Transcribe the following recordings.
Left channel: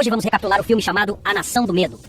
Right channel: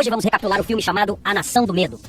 Hoje vamos recapitular o filme chamado A Nação do Medo.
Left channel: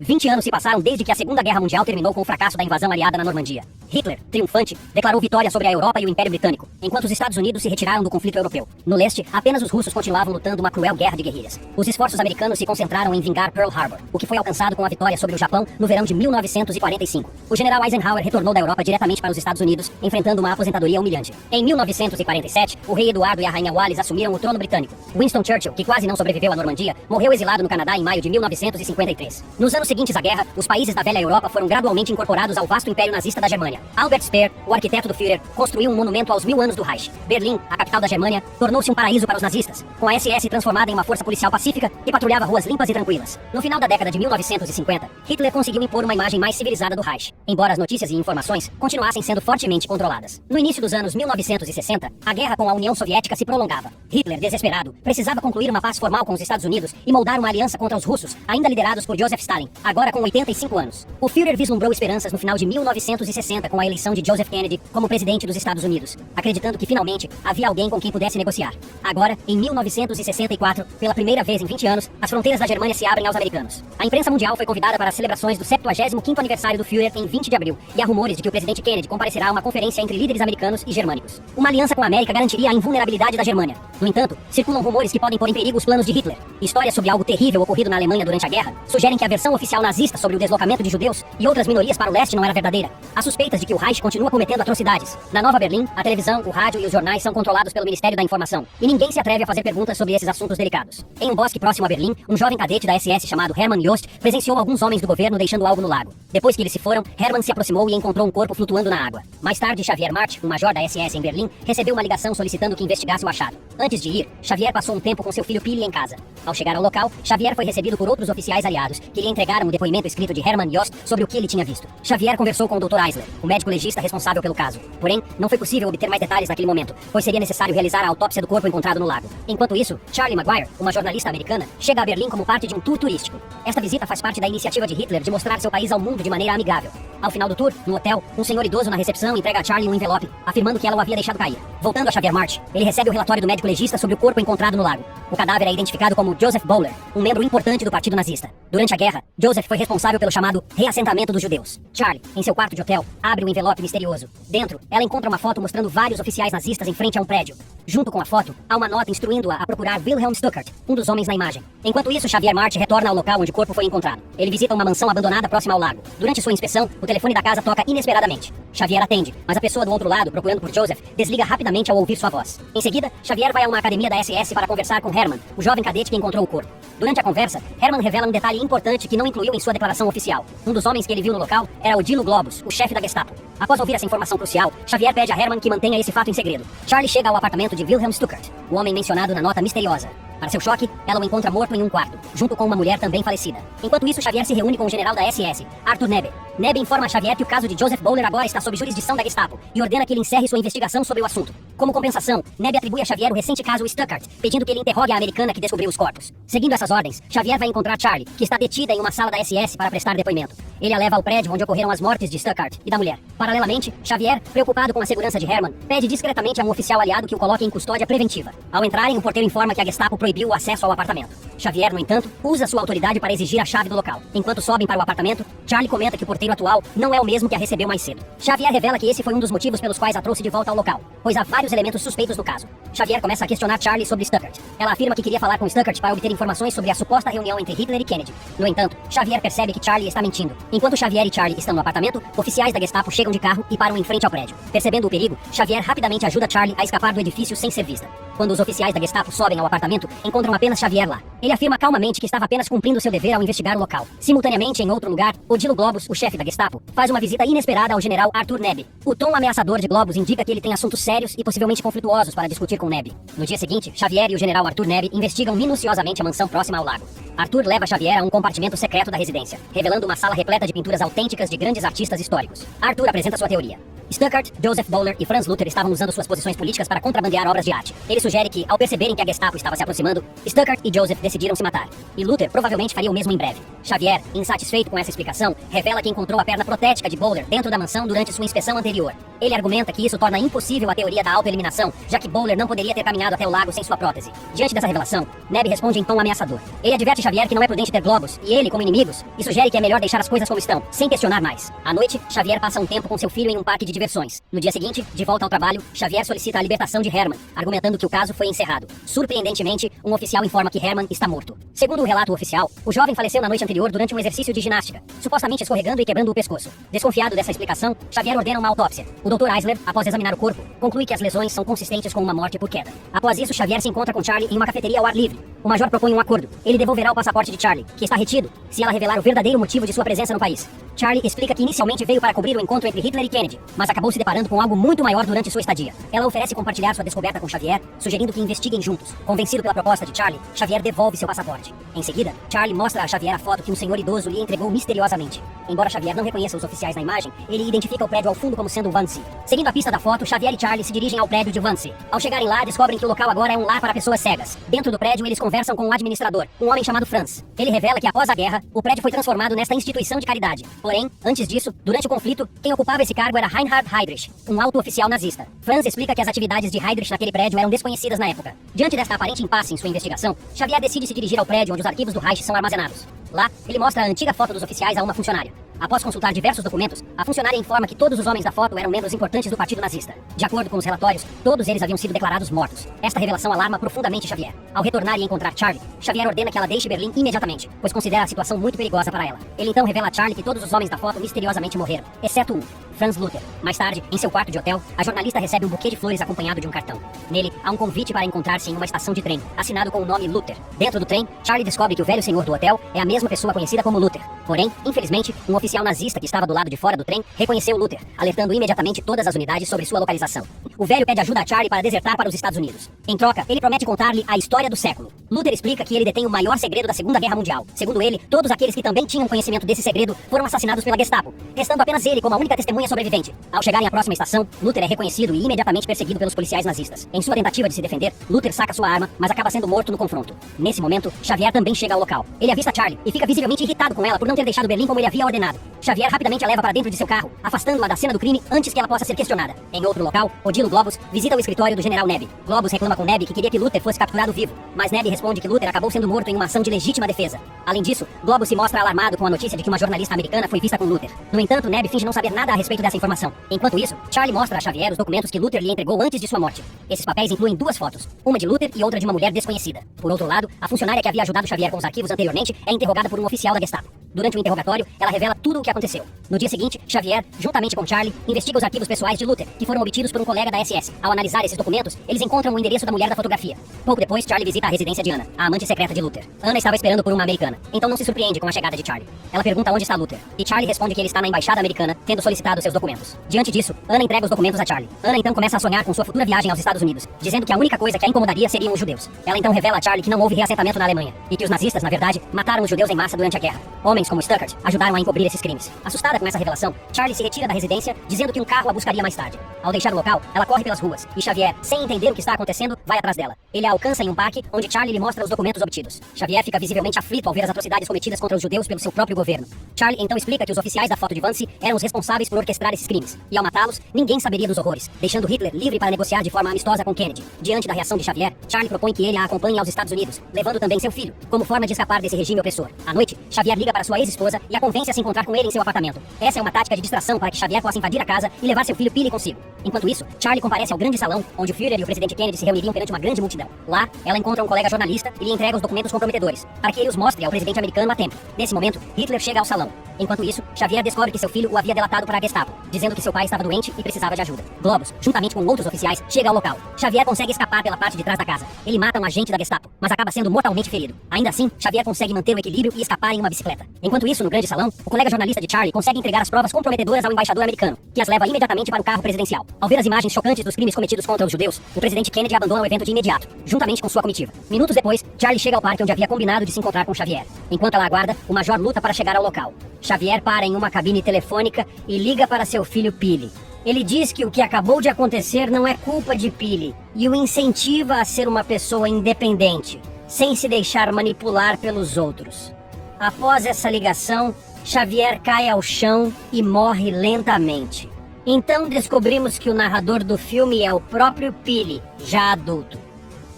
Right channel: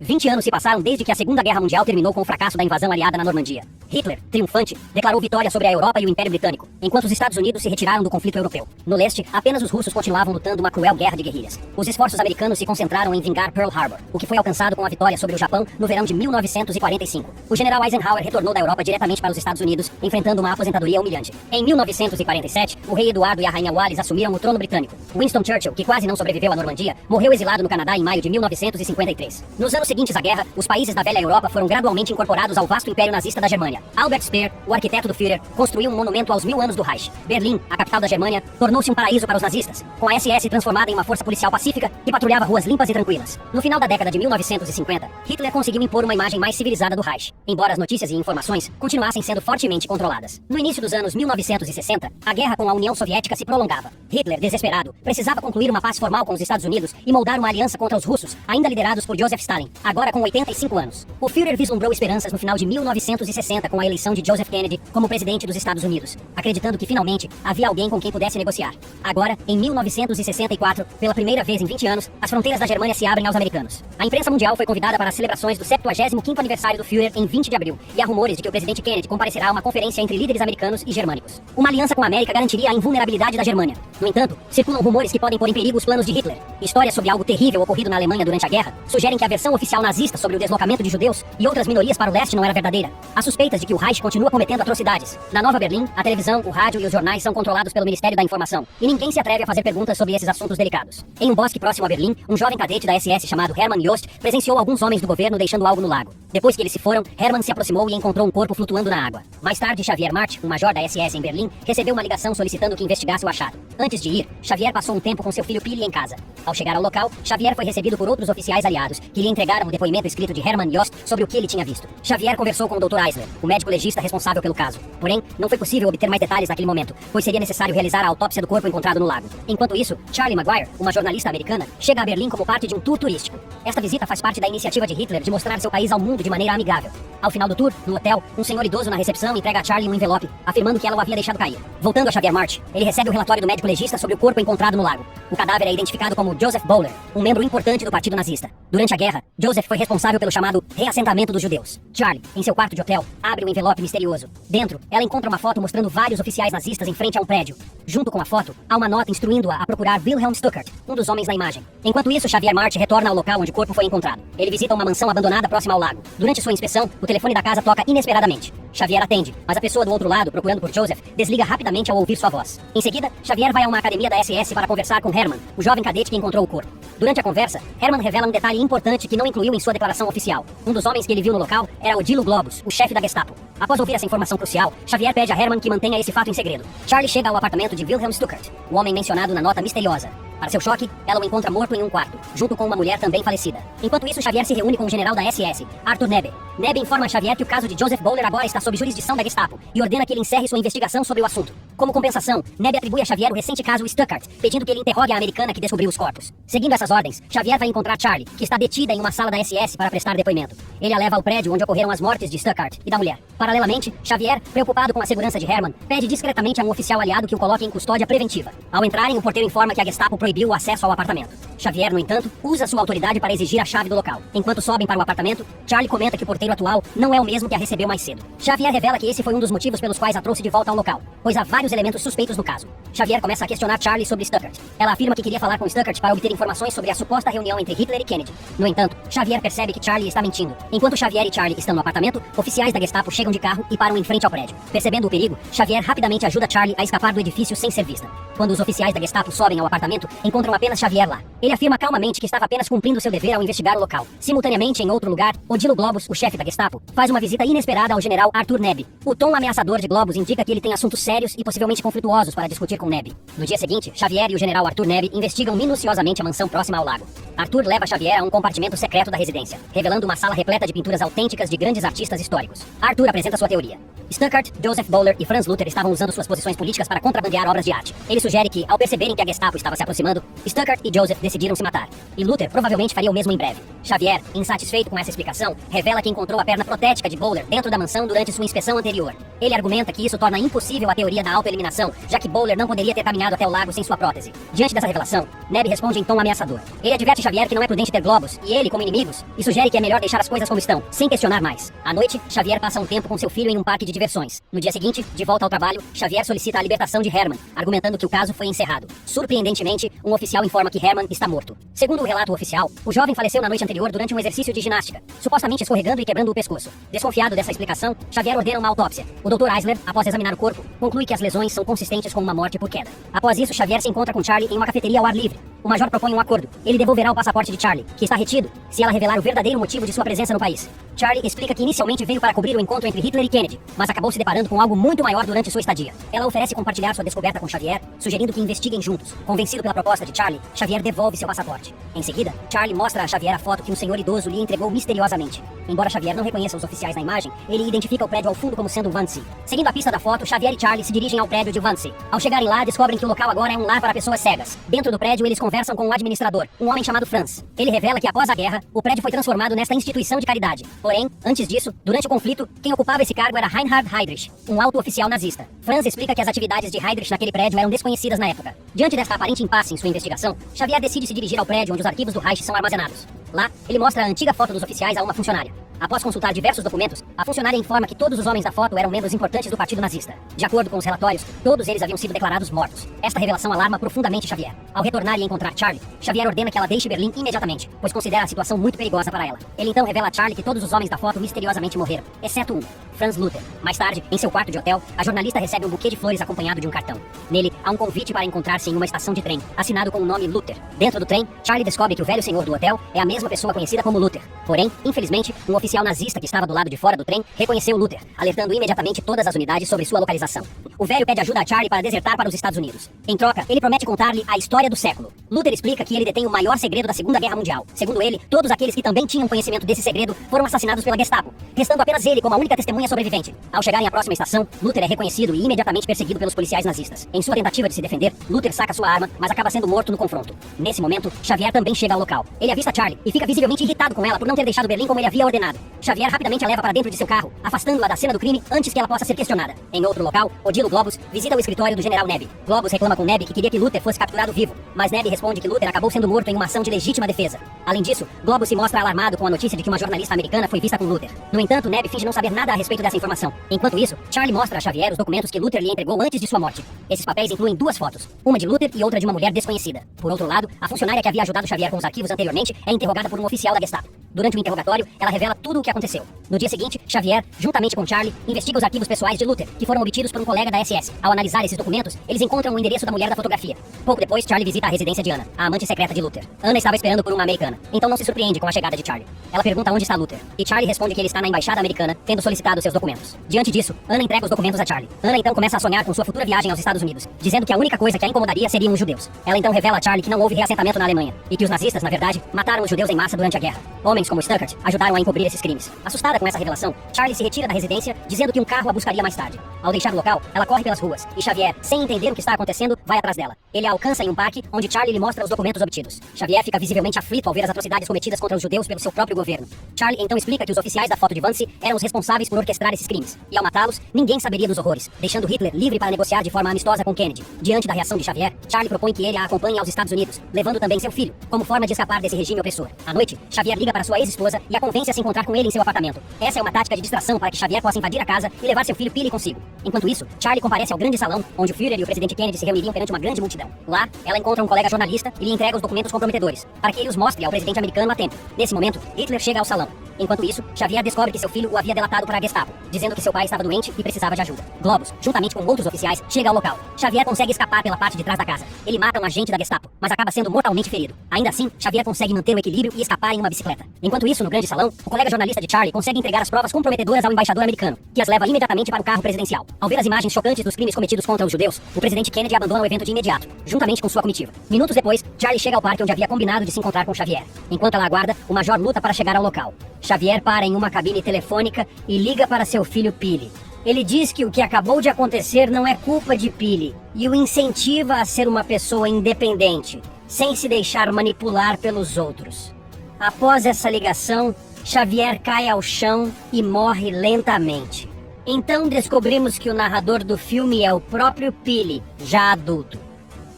20 anos se passaram desde que a Segunda Guerra Mundial terminou com o fracasso da invasão aliada na Normandia. Hitler, triunfante, declarou vitória sobre a Europa e o Império Britânico, enquanto os Estados Unidos se retiraram do conflito europeu. No leste, apenas os russos continuavam lutando uma cruel guerra de guerrilhas. Os esforços americanos se concentraram em vingar Pearl Harbor, o que foi alcançado com a vitória sobre o Japão no verão de 1945. O general Eisenhower retornou da Europa diretamente para os Estados Unidos, enfrentando uma aposentadoria humilhante. Em 1947, o rei Eduardo e a rainha Wallis assumiram o trono britânico. Winston Churchill, que quase não sobreviveu à Normandia, morreu exilado no Canadá em maio de 1953. Nos anos seguintes à guerra, os países da velha Europa foram gradualmente incorporados ao vasto império nazista da Germânia. Albert Speer, o arquiteto do Führer, construiu um monumento aos 1000 anos do Reich. Berlim, a capital da Germânia, tornou-se um paraíso para os nazistas, com a SS transformada em uma força policial pacífica que patrulhava ruas limpas e tranquilas. No final da década de 1950, Hitler conseguiu impor uma imagem mais civilizada do Reich, embora as notícias e informações continuassem sendo fortemente controladas. No início dos anos 1960, a guerra com a União Soviética se prolongava. Hitler, desesperado, precisava concluir uma paz formal com os Estados Unidos e moldar uma aliança contra os russos, ainda liderados por Joseph Stalin, agora com 85 anos. O Führer vislumbrou esperanças no final de 1960 com a eleição de Joseph Kennedy como presidente dos Estados Unidos, acreditando que finalmente havia alguém com quem pudesse negociar. Agora, em 1964, pela primeira vez em 20 anos, as fronteiras da Germânia se abrem aos americanos. A imprensa mundial foi convidada para as celebrações do 75º aniversário do Führer em 20 de abril, e há rumores de que o presidente Kennedy comparecerá a uma conferência entre líderes americanos e germânicos. Uma aliança com a América garantiria a invulnerabilidade da Germânia. No entanto, circulam rumores que podem pôr em perigo os planos de Hitler. Histórias sobre algo terrível ocorrido na Alemanha durante a guerra sugerem que a versão oficial nazista sobre o deslocamento de judeus e outras minorias para o leste não era verdadeira. Há suspeitas de que o Reich continua cometendo atrocidades. Na Nova Berlim, a televisão, o rádio e os jornais são controlados pelo Ministério da Informação, e ninguém se atreve a fazer perguntas sobre esses assuntos delicados. Em um bosque próximo a Berlim, um jovem cadete da SS chamado Hermann Jost presenciou alguns homens do governo deixando algo no lago. Depois que eles se foram, Hermann se aproximou e encontrou um corpo flutuando na água. Mais tarde, Xavier March, um major da SS em Berlim, recebeu uma ligação solicitando que investigasse o achado. Antes de ir, Xavier passou um tempo com seu filho Pili em casa. Ao chegar ao local, Xavier foi recebido por outros oficiais aliados, que lhe entregaram o depoimento escrito de Hermann Jost sobre o que ele tinha visto. Xavier conversou com o Dr. Eisler, o médico legista responsável pelo caso. Porém, não foi possível obter mais detalhes naquele momento, pois seria necessário realizar a autópsia do corpo encontrado no lago. Enquanto isso, Charlie Maguire, uma jornalista americana, chega a Berlim como parte de um tour turístico. Esta visita faz parte da iniciativa de Hitler de mostrar seu país ao mundo de maneira amigável. Ao final do tour, no hotel, um senhor idoso na recepção entrega a Charlie um envelope, afirmando que ela o havia deixado cair. Voltando a Xavier March, ele recebe o relatório do médico legista sobre o corpo encontrado no lago. O cadáver é identificado como Joseph Bowler, um membro importante do partido nazista. Durante a guerra, Joseph foi responsável pelo chamado reassentamento dos judeus. Charlie, em seu quarto de hotel, abre um envelope misterioso. Dentro, ela encontra uma foto mostrando vários oficiais nazistas em frente a um prédio. Junto com a foto, há uma nota instruindo-a a procurar Wilhelm Stuckert, um dos homens na imagem. Enquanto isso, Xavier March retorna ao local onde o corpo foi encontrado. Ele visita uma mansão abandonada próxima ao lago. Durante sua inspeção, o telefone da casa toca inesperadamente. Xavier atende, mas a pessoa do outro lado, procurando por Joseph, desliga rapidamente ao ouvir sua voz. Em seguida, Xavier vai a uma academia da SS para conversar com Hermann, o jovem cadete que encontrou o corpo. Durante a conversa, Hermann revela um detalhe importante que não incluiu em sua declaração oficial. Um dos homens que ele viu no local era Odilo Globus, o chefe da Gestapo. Após ouvir essa informação crucial, Xavier pede a Hermann que mantenha esse fato em segredo. Charlie chega ao apartamento de Wilhelm Stuckert, o homem mencionado na nota misteriosa. Para seu choque, ela o encontra morto em um quarto, junto com uma mulher também falecida. Enquanto isso, Xavier se reúne com o general da SS, Arthur Nebe. Nebe informa a Xavier que o caso de Joseph Bowler agora está sob jurisdição da Gestapo e ordena que ele encerre sua investigação sobre o assunto. Como compensação, Nebe atribui a Xavier o recente caso Stuckert, pedindo que ele interrogue a americana que descobriu os corpos. Seguindo essas ordens, Xavier vai encontrar Charlie, que está detida em uma sala da SS para prestar depoimento. Ele a leva ao prédio onde ocorreram as mortes de Stuckert e da mulher. Paralelamente, Xavier, preocupado com a segurança de Hermann, pede discretamente a um oficial aliado que o coloque em custódia preventiva. Ao entrarem, o porteiro informa que a Gestapo proibiu o acesso ao apartamento. Xavier, no entanto, usa sua autoridade para exigir a chave do local. Enquanto sobem para o apartamento, Charlie comenta que o porteiro atual não é o mesmo que a recebeu mais cedo. Xavier revela que esse foi um dos motivos pelos quais a trouxe de volta ao local, pois há vários elementos suspeitos no caso. Xavier começa a questionar Charlie sobre Stuckert. Ela afirma que queria falar com Stuckert para obter informações sobre a suposta reunião entre Hitler e Kennedy. No entanto, Xavier percebe que Charlie está mentindo. Enquanto Xavier e Charlie estão no apartamento, oficiais da Gestapo chegam de carro e param em frente ao prédio. Percebendo o perigo, Xavier rapidamente ajuda Charlie a escapar do edifício sem ser vista. Quando os oficiais da Gestapo sobem ao apartamento, encontram apenas Xavier lá. Ele afirma calmamente que estava apenas cumprindo seu dever ao investigar o local. Simultaneamente, em outro lugar, Odilo Globus, o chefe da Gestapo, faz uma visita inesperada ao general Arthur Nebe. O tom ameaçador de Globus indica que ele tem assuntos sérios e possivelmente conflituosos para discutir com Nebe. No dia seguinte, Xavier e o general Arthur Nebe investigam minuciosamente a mansão próxima ao lago. Arthur leva Xavier a um compartimento secreto da residência, revelando uma sala repleta de pinturas autênticas de grandes artistas históricos. Arthur apresenta sua teoria. Stuckart, Joseph Bowler e Franz Luther estavam usando suas posições políticas para contrabandear obras de arte. Ele sugere que, ao perceberem que a Gestapo estava se aproximando, Stuckart e Joseph decidiram se matar. E Luther provavelmente faria o mesmo em breve. Xavier, insatisfeito com essa explicação, revela que encontrou a perna protética de Bowler dentro da mansão durante sua inspeção anterior. Ele argumenta que isso torna impossível a teoria da autoeliminação, já que Bowler não poderia ter caminhado até o lago sem sua prótese. Diante dessa revelação, Neb responde em tom ameaçador. Ele adverte Xavier que não é prudente ter globos, e ele como inimigos, e sugere que é melhor deixar as coisas como estão, sem questionar mais. À noite, Xavier passa um tempo com seu filho em um parque de diversões. No dia seguinte, de volta ao trabalho, Xavier solicita a libertação de Herman, argumentando que o caso foi encerrado. Surpreendentemente, um oficial informa que Herman está morto. Segundo o relato oficial, o jovem faleceu na noite anterior durante um exercício de ginástica, supostamente escorregando e quebrando o pescoço. Desconfiado dessa explicação, Xavier ordena uma autópsia. O Dr. Eisler, após examinar o corpo, conclui que as lesões são consistentes com uma morte por queda. Após isso, Xavier se encontra com Charlie em uma cafeteria ao ar livre. O major propõe um acordo. Ele devolverá o passaporte de Charlie, que está retido, se ela revelar o verdadeiro motivo de sua presença no país. Charlie explica que inicialmente veio para cobrir o encontro entre Hitler e Kennedy, mas acabou se deparando com algo muito maior durante sua estadia. Ela oferece compartilhar sua descoberta com Xavier, sugerindo que investiguem juntos. Convencido pela proposta de Charlie, Xavier devolve seu passaporte. Em seguida, Charlie mostra a Xavier a foto que um senhor idoso lhe entregou misteriosamente. Embora Xavier não reconheça os oficiais na imagem, ele identifica o prédio ao fundo como sendo Wannsee. Seguindo a pista da foto, Xavier e Charlie se dirigem ao prédio de Wannsee. Ao chegarem lá, descobrem que o local agora é um lar para pessoas cegas. Dentro do prédio, eles conversam com o administrador, um homem chamado Franz. Ele revela que após a guerra, o prédio foi transformado nesta instituição de caridade. Porém, antes disso, durante o conflito, quem ocupava esse cargo era Reinhard Heydrich, um alto oficial nazista. Franz explica que as atividades de Heydrich naquele prédio eram desconhecidas na época. Diante desta aparente impasse em sua investigação, Xavier decide se dirigir ao prédio onde os arquivos do Reich são armazenados. Lá, ele mostra a antiga foto dos oficiais a uma funcionária. Após consultar diversos documentos, a funcionária informa que todos os homens da foto eram membros importantes do partido nazista. De acordo com os relatórios, todos eles haviam sido declarados mortos. Esta revelação alarma profundamente Xavier. Ao retornar e encontrar Charlie, Xavier ordena que ela deixe Berlim imediatamente, pois considera a situação muito perigosa para ela. Ele então revela a Charlie que todos os homens da foto misteriosamente morreram, exceto um, Franz Luther. Mais tarde, em seu quarto de hotel, a jornalista recebe um buquê de flores acompanhado de um cartão. Nele, há um convite para encontrar-se em uma estação de trem, assinado com o nome Luther. Dentro do trem, Charlie descobre que o velho senhor do hotel é a mesma pessoa conhecida como Luther. Porém, infelizmente, um oficial nazista que estava do lado de fora do trem reconheceu Luther, alertando imediatamente todas as unidades sobre sua localização. O velho pede ajuda a Charlie para desertar para os Estados Unidos. Em troca, ele promete contar-lhe a história do século. Luther explica que ele detém o maior segredo da Segunda Guerra Mundial. Segundo ele, todos aqueles que também tinham conhecimento desse segredo foram assassinados pela Gestapo, restando apenas ele como a única testemunha sobrevivente. Ao chegarem à próxima estação, Luther é reconhecido e imediatamente perseguido pelos policiais nazistas. Em sua tentativa de se defender, Luther saca sua arma, mas acaba sendo morto no confronto. Nesse momento, Xavier também chega ao local. Ele avista Charlie e fica visivelmente irritado com ela por não ter deixado Berlim como ele havia ordenado. Xavier rapidamente a leva para dentro de seu carro, afastando-a da cena do crime antes que ela possa ser questionada. Em outro local, Odilo Globus visita o escritório do general Neb. Globus reclama com Neb que queria que Luther fosse capturado vivo, mas Neb responde que Luther acabou sendo morto em uma ação de legítima defesa. Além disso, Globus se mostra alarmado com a notícia de que uma jornalista americana foi vista com Luther. No entanto, Neb finge não saber nada a respeito dessa informação. Enquanto isso, Charlie mostra a Xavier os documentos que Luther lhe entregou antes de sua morte. Esses papéis incluem duas fotos, uma de Luther e outra de uma mulher desconhecida. Por outro lado, a funcionária que havia ajudado Xavier com os arquivos anteriormente é interrogada por um oficial da Gestapo. Durante o interrogatório, ela revela tudo o que aconteceu. No dia seguinte, Xavier, juntamente com Charlie, investiga os arquivos pessoais de Luther, que foram obtidos por um colega da SS. Ao analisar esses documentos, eles encontram o endereço da mulher da fotografia. Pouco depois, Charlie visita a residência de Anna, a amante secreta de Luther. Anna estava esperando por uma americana, então não se surpreende com a chegada de Charlie. Ela pergunta onde está Luther, e Charlie responde que ele está na embaixada americana, tendo solicitado seus documentos. Diante disso, Anna entrega os documentos a Charlie. Anna então começa a sonhar com sua futura viagem aos Estados Unidos, dizendo que a única coisa que a incomodaria seriam os judeus. Ela então revela a Charlie que não houve reassentamento na Alemanha, e que os nazistas, na verdade, mataram os judeus em massa durante a guerra. Homens como Stuckart ajudaram a encobrir esses crimes. Assustada com essa revelação, Charlie se retira da residência, dizendo que um carro a buscaria mais tarde. Ao deixar o local, ela corre pelas ruas, e Xavier, sem entender o que está acontecendo, vai atrás dela. Ele a alcança em um parque, onde Charlie lhe mostra os documentos obtidos. Xavier fica visivelmente aflito ao ver as atrocidades cometidas contra os judeus pelo seu próprio governo. Charlie então explica que os oficiais da foto de Wannsee eram os responsáveis por orquestrar esses crimes, e ao matá-los, ninguém saberia dos horrores, deixando Hitler livre para negociar de forma amistosa com Kennedy. Diante da reação de Xavier, Charlie propõe que ele a acompanhe aos Estados Unidos, levando também seu filho, como forma de escapar desse regime opressor. À noite, Xavier liga para sua ex-esposa e a convence a se encontrar com ele em seu apartamento. Essa é uma tática de distração para que Xavier possa invadir a casa e levar seu filho Billy consigo. Enquanto isso, Charlie comparece ao grande salão, onde o Führer e o presidente Kennedy se reuniriam perante uma grande multidão. Lá, ela encontra um colega jornalista e lhe entrega os documentos comprometedores, para que ele os mostre ao presidente americano a tempo. Nesse momento, Hitler chega ao salão. Enquanto isso, Xavier descobre que seu filho o havia delatado para a Gestapo, dizendo que seu pai estava doente e precisava de ajuda. Globus, juntamente com outros oficiais, chega ao local. Xavier consegue escapar pela parte de trás da casa. Ele mata um agente da Gestapo, mas acaba sendo mortalmente ferido. Ainda assim, Xavier consegue manter o equilíbrio e escapar em uma bicicleta. Enquanto isso, no grande salão, o colega jornalista de Charlie consegue entregar as provas comprometedoras ao embaixador americano, que as leva imediatamente para o carro presidencial. Ao ver as imagens chocantes dos crimes cometidos contra os judeus, o presidente Kennedy abandona o evento de imediato, juntamente com sua comitiva. Minutos depois, Charlie chega ao parque onde havia combinado de se encontrar com Xavier. Enquanto ela aguarda, o major luta para chegar ao local. Xavier para em uma cabine telefônica e liga para seu filho Billy. Ele diz que o que acabou de acontecer não é culpa de Pili e o incentiva a ser uma pessoa independente, sem se deixar manipular pelos outros. Após essa ligação, Xavier cai ao chão e morre lentamente. Então descobrimos que o narrador do filme é o próprio Pili, já adulto.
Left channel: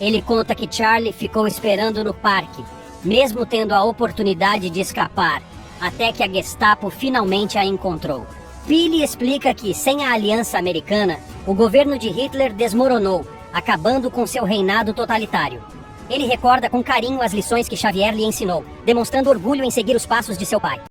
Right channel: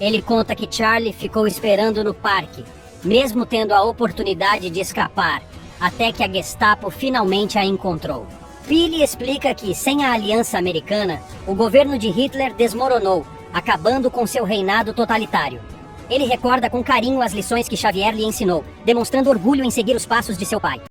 Ele conta que Charlie ficou esperando no parque, mesmo tendo a oportunidade de escapar, até que a Gestapo finalmente a encontrou. Pili explica que, sem a aliança americana, o governo de Hitler desmoronou, acabando com seu reinado totalitário. Ele recorda com carinho as lições que Xavier lhe ensinou, demonstrando orgulho em seguir os passos de seu pai.